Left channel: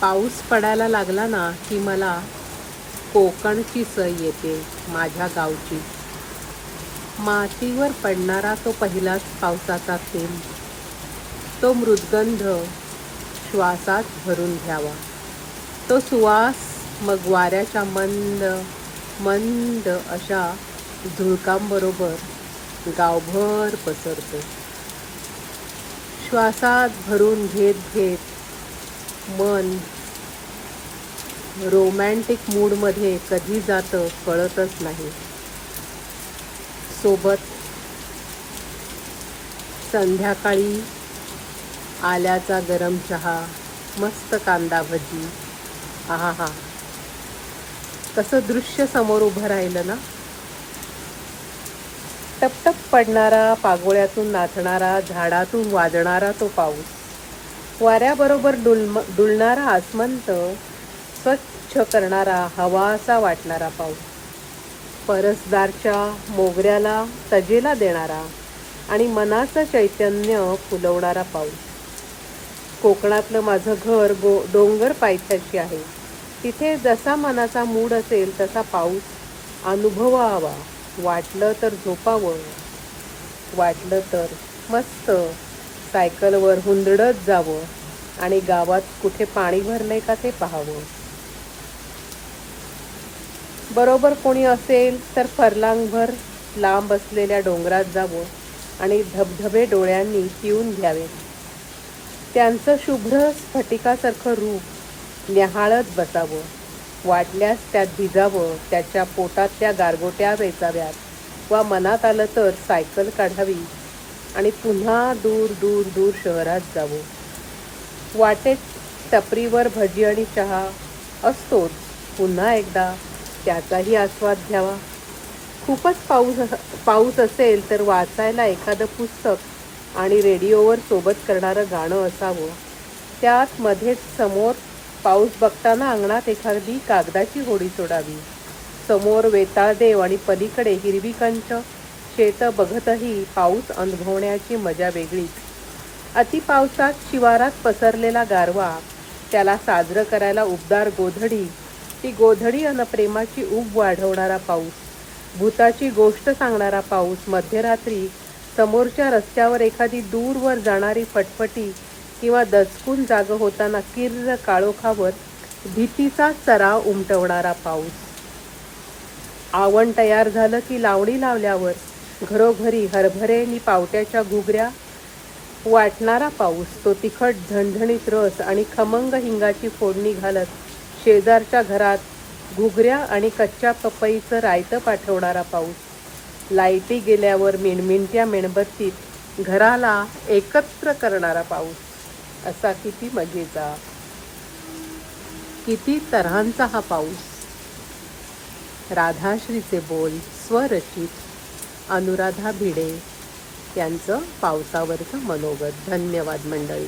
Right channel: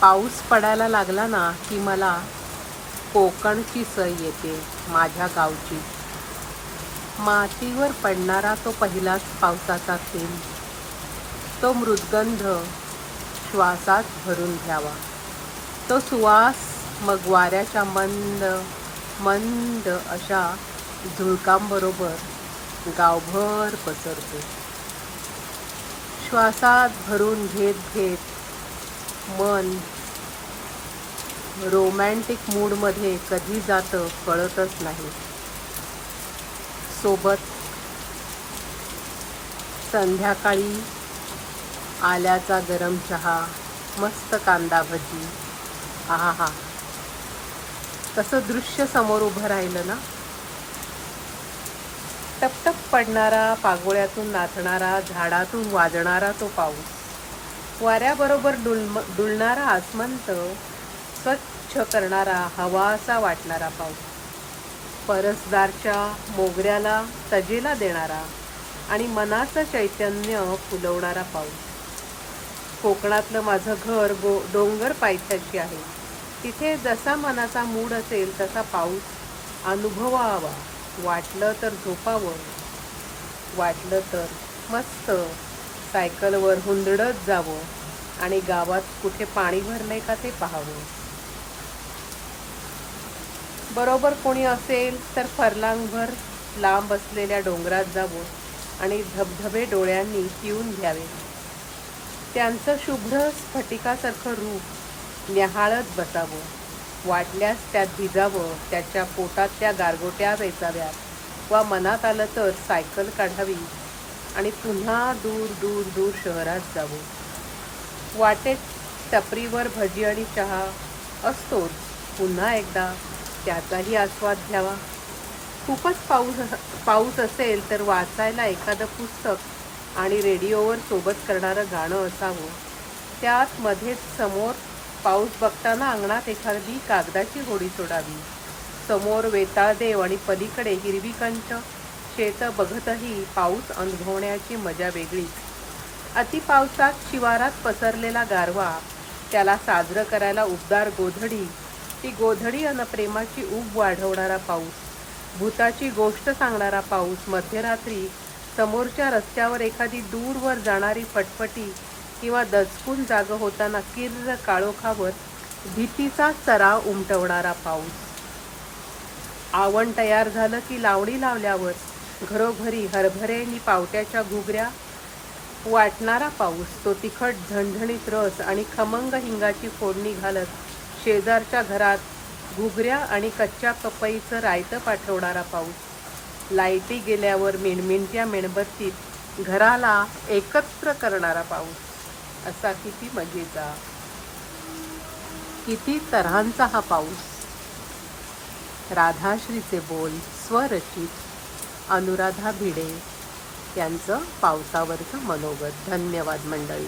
पाऊस पडायला लागला ना की मला कोकणची सय येते माझ्या गावची. मातीवर पडणारा तो पहिलाच पावसाचा थेंब, तो मृदगंध श्वासात भरून घ्यावा, तो सुवास मग वाऱ्याच्या मंद मंद अशा झुळकांबरोबर गावभर पसरतो. श्वासात भरून घेत घेत मन रोमॅन्टिक मूडमध्ये कधी जातं कळतच नाही. सोबत संध्याकाळी आल्याचा गरम चहा, मस्त कांदा भजी. आहा हा, कसं दृश्य समोर उभं राहिलं ना. टपटप पडणारा, पागोळ्यातून नाचणारा, झाडातून वाजणारा तो पाऊस, वाऱ्याबरोबर डुलणारा आसमंत, स्वच्छ करणारा हवासा वाटणारा पाऊस, परसदारच्या मोगऱ्याला तजेला देणारा आणि मनाचं चैतन्य फुलवणारा पाऊस. कोकणातलं माझं घर डोंगर पायथ्याशी आहे. तिथे जसा मनाचा मूड असेल तसा पाऊस अनुभवावा. वाटलं तर झोपावं, वाटलं तर मस्त सायकलवर हुंदडत जावं आणि गावात कुठे पाणी भरलंय का ते पाहावं. बरोबर कोणी असेल तर फरलांगभर लांब असलेल्या डोंगरात जावं आणि धबधबे डोळ्यांनी पिऊन घ्यावे. त्यांचं शुभ्र स्फटिकासारखं रूप न्याहाळत बसावं. वाटल्यास त्यात भिजावं, त्याच्या पोटातल्या गारगोट्या वेचाव्यात वा मनात आलं तर सायकल काढावी आणि पुन्हा दूर दूर दूर शहरात जावं. वाटेत टपरीवर भजी आणि चहा असतोच, पुन्हा एकदा त्याचाही आस्वाद घ्यावा. खूपच पाऊस असेल तर वाचायला एखादं पुस्तक आणि रेडिओवर सोबत करणारं गाणं असावं. त्यात मध्येच समोर पाऊस बघताना अंगणात एखादी कागदाची होडी सोडावी. समोर वेताळदेव आणि पलीकडे हिरवी कंच शेतं बघतही पाऊस अनुभवण्याची मजा वेगळीच. अतिपावसात शिवारात पसरलेला गारवा, त्याला साजरं करायला उबदार गोधडी, ती गोधडी अन प्रेमाची ऊब वाढवणारा पाऊस, भूताची गोष्ट सांगणारा पाऊस, मध्यरात्री समोरच्या रस्त्यावर एखादी दूरवर जाणारी फटफटी किंवा दचकून जागं होताना किर्र काळोखावर भीतीचा सराव उमटवणारा पाऊस. आवण तयार झालं की लावणी लावल्यावर घरोघरी हरभरे पावट्याच्या घुगऱ्या वाटणारा पाऊस, तो तिखट झणझणीत रस आणि खमंग हिंगाची फोडणी घालत शेजारच्या घरात घुगऱ्या आणि कच्च्या पपईचं रायतं पाठवणारा पाऊस, लाईटी गेल्यावर मिणमिणत्या मेणबत्तीत घराला एकत्र करणारा पाऊस. असा किती मजेचा, किती तऱ्हांचा हा पाऊस. राधाश्रीचे बोल स्वरचित अनुराधा भिडे यांचं पावसावरचं मनोगत. धन्यवाद मंडळी.